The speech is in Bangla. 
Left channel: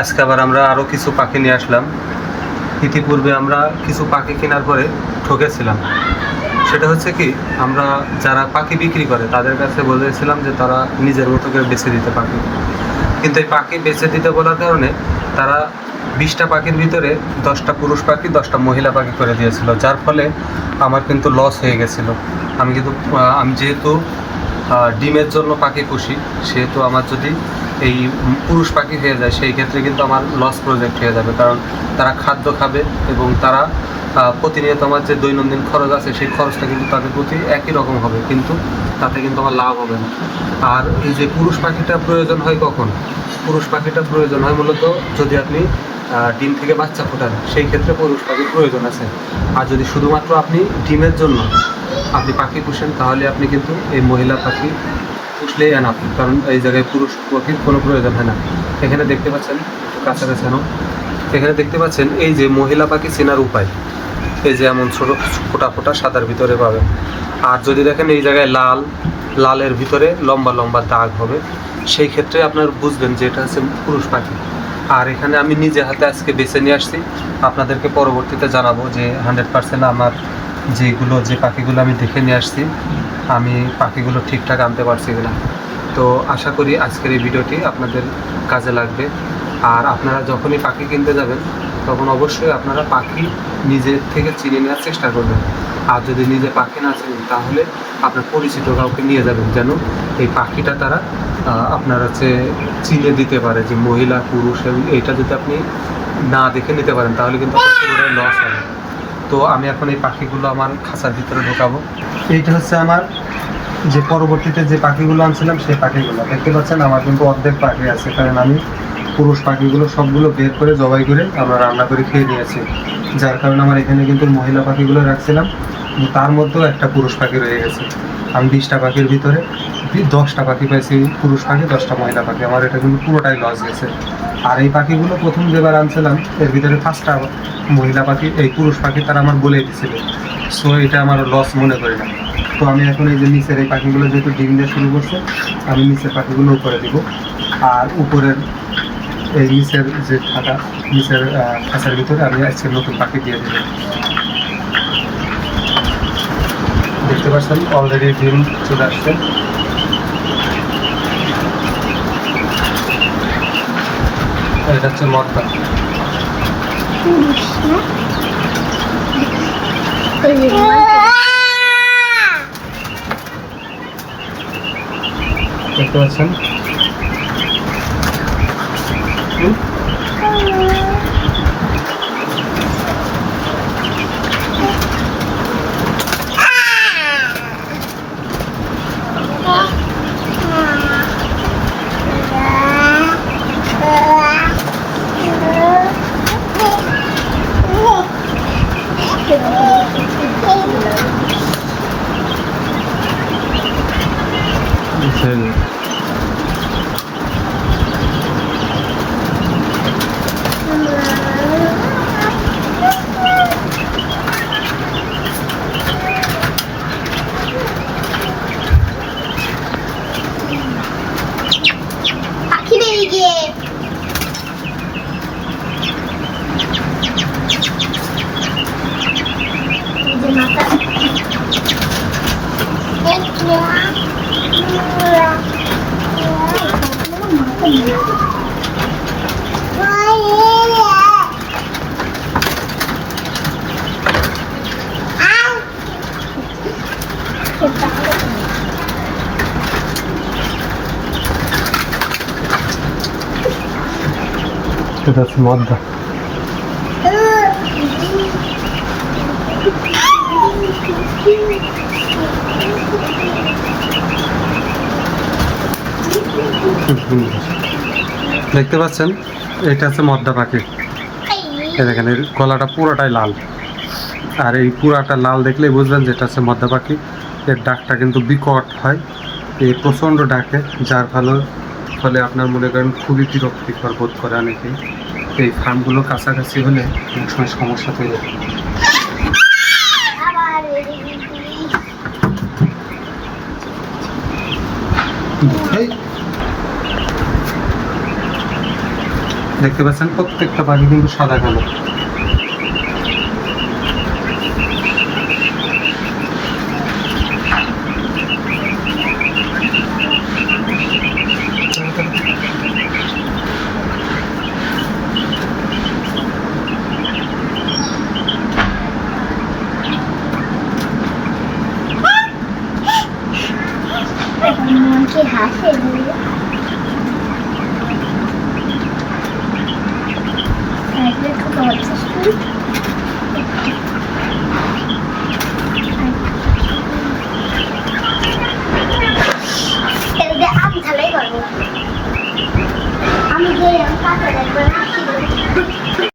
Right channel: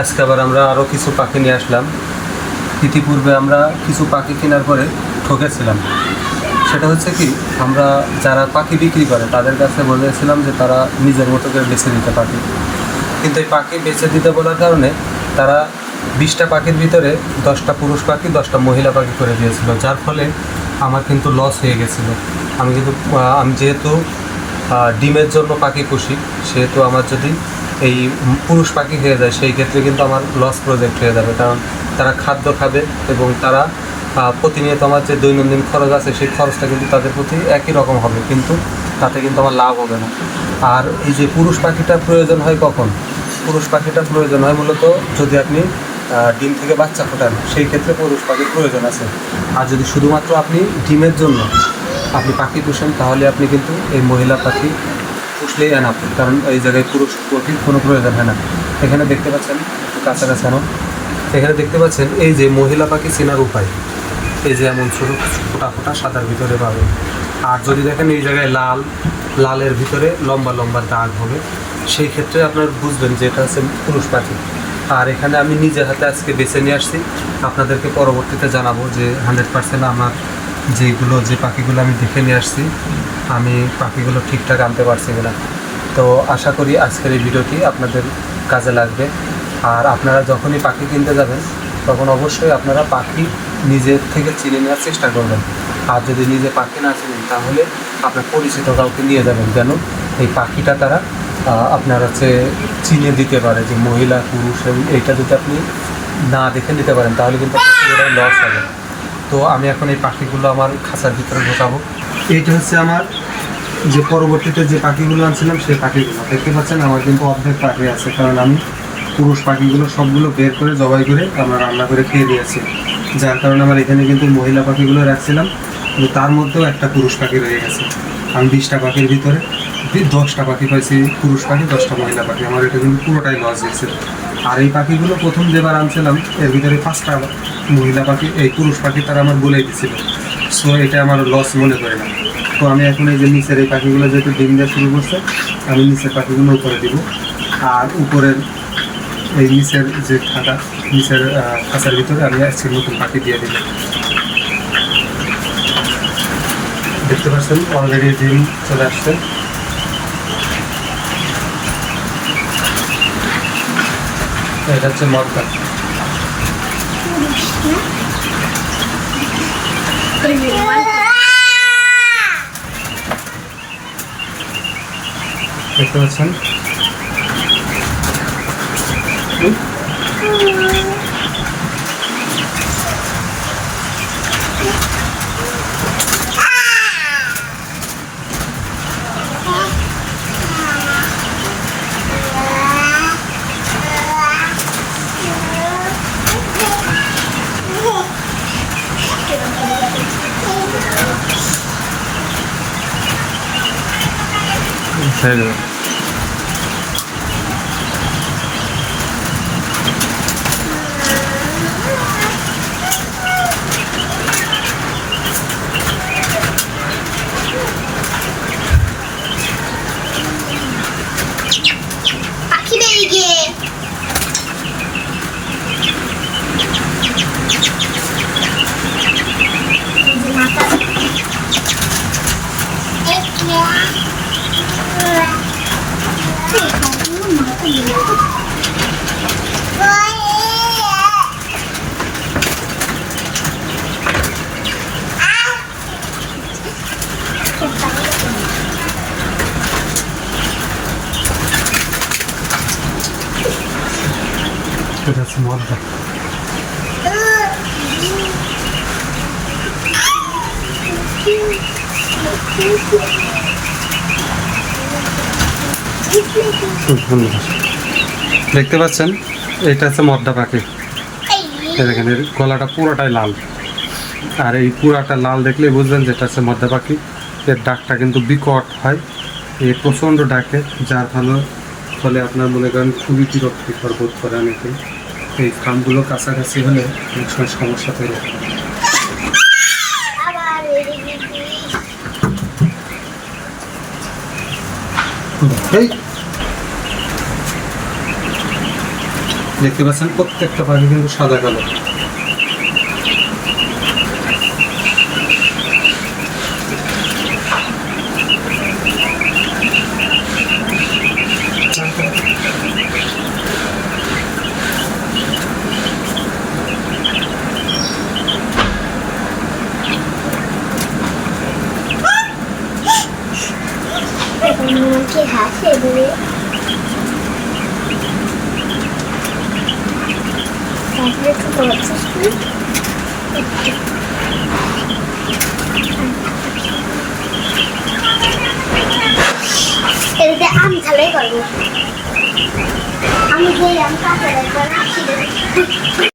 আজকে আবার আমরা আরও কিছু পাখি নিয়ে আসলাম। ইতিপূর্বে আমরা কিছু পাখি কেনার পরে ঠকেছিলাম। সেটা হচ্ছে কি, আমরা যারা পাখি বিক্রি করে তাদের কাছে বলেছিলাম যে তারা নিজের মতো করে বেছে দিতে পাখি, কিন্তু এই পাখি বেছে দিতে বলার কারণে তারা 20টা পাখির ভিতরে 10টা পুরুষ পাখি 10টা মহিলা পাখি করে দিয়েছিল, যার ফলে আমার কিন্তু লস হয়ে গেছিলো। আমি যেহেতু ডিমের জন্য পাখি পুষি, সেহেতু আমার যদি এই পুরুষ পাখি হয়ে যায় সেই ক্ষেত্রে কিন্তু আমার লস প্রজেক্ট হয়ে যাবে, কারণ তারা খাদ্য খাবে এবং তারা প্রতিনিয়ত আমার যে দৈনন্দিন খরচ আছে সেই খরচটা কিন্তু তাদের প্রতি একই রকম হবে, কিন্তু তাতে কিন্তু আমার লাভ হবে না। আর এই যে পুরুষ পাখিটা প্রয়োজন হয় কখন? পুরুষ পাখিটা প্রয়োজন হয় মূলত যদি আপনি ডিম থেকে বাচ্চা ফোটান, সেই ক্ষেত্রে পুরুষ পাখির প্রয়োজন আছে। আর যদি শুধুমাত্র আপনি ডিমের জন্য আপনি পাখি পুষেন, তাহলে আপনি কিন্তু এই মহিলা পাখি পুষলেই এনাফ, কারণ এই জায়গায় পুরুষ পাখির কোনো প্রয়োজন হয় না। এখানে দেখতে পাচ্ছেন, কাছাকাছি আনো, এখানে দেখতে পাচ্ছেন এই যে মহিলা পাখি চেনার উপায়, এই যে এমন ছোটো ফোটা ফোটা সাদার ভিতরে পাবেন। আর যদি দেখেন এই জায়গায় লালের ভিতরে লম্বা লম্বা দাগ হবে, সেই ক্ষেত্রে আপনার বুঝবেন যে এটা হচ্ছে পুরুষ পাখি। আর এখানে আমি নিজে হাতে আজকে বেছে নিয়ে আসছি, আপনাদেরকে পরবর্তীতে জানাবো যে 100% আমার যে পাখিগুলো আমি দেখে নিয়ে আসছি, আমি পাখিগুলো ঠিকঠাক আনতে পারছি কিনা। তো আশা করি আজকের এই ভিডিওটি আপনাদের কাজে লাগবে। আর আপনারা যখনই পাখি কিনতে যাবেন তখন অবশ্যই আপনারা পাখি নিজের থেকে চিনে নেওয়ার চেষ্টা করবেন। আর যদি নিজে পাখি না চিনেন তাহলে আপনার পরিচিত কাউকে নিয়ে যাবেন, যেন এই পাখিটা তারা আপনার হচ্ছে চিনে দিতে পারে যে মহিলা পুরুষ, এবং এইটা যদি আপনি না দেখে নিতে পারেন তাহলে কিন্তু আপনার লস হবে। তো আমি এখন এই পাখিগুলো আমার খাঁচার ভিতরে ঢোকাবো। এইটা হচ্ছে আমার যে পরবর্তীতে যে পাখিগুলো আনছিলাম সেই পাখিগুলো দেখতে পাচ্ছেন, আমার কিন্তু অর্ধেক পাখি আছে, কারণ আমি পুরুষ পাখিগুলো সবগুলো বের করে জবাই করে আমরা রান্না করে খেয়ে নিয়েছি, যার কারণে আমার এখানে কিন্তু মহিলা পাখিগুলো রাখছিলাম, কিন্তু তার মধ্যেও একটা পুরুষ পাখি রয়ে গেছে। আমি 20টা পাখির ভিতরে 10টা পাখি পাইছি পুরুষ পাখি, 10টা মহিলা পাখি, আমার এটা কিন্তু পুরোটাই লস গেছে। আর এই পাখিগুলো প্রথম যেবার আনছিলাম এর ভিতরে 5টা মহিলা পাখি, এই পুরুষ পাখি তারা আমার বলে দিচ্ছিল, সো এটা আমার লস মনে করি না। তো আমি এখন এই যে নিচের এই পাখিগুলো যেহেতু ডিম দেওয়া শুরু করছে, আমি নিচের পাখিগুলো উপরে দিব, আর উপরের এই নিচের যে নিচের খাঁচার ভিতরে আমি আজকে নতুন পাখি দিয়ে দিব। দেখতে পাচ্ছেন অলরেডি ডিম চলে আসছে। এটা হচ্ছে মদটা। দেখতে পাচ্ছেন এটা হচ্ছে মদটা। দেখতে পাচ্ছেন এটা হচ্ছে মদ্দা পাখি, দেখেন এর গলাটা পুরোটাই লাল, আর এই পুরাটা লাল দেখলে বুঝবেন যেটা হচ্ছে মদ্দা পাখি। এর ডাকটা কিন্তু বিকট হয়, এ প্রচণ্ড ডাকে, যার ফলে আপনার মনে করেন খুবই বিরক্তিকর বোধ করে অনেকে। এই ফার্মগুলো কাছাকাছি হলে অনেক সময় সমস্যা তৈরি হয়। দেখতে পাচ্ছেন প্রত্যেকটা পাখি কিন্তু সাদা কালো। এখন মন কি হাসে দিয়ে তারপরে ছোট বাচ্চা স্কুল এর দিয়ে আম ঝালাই করবো। আমি যে আম কাছে রাখবো না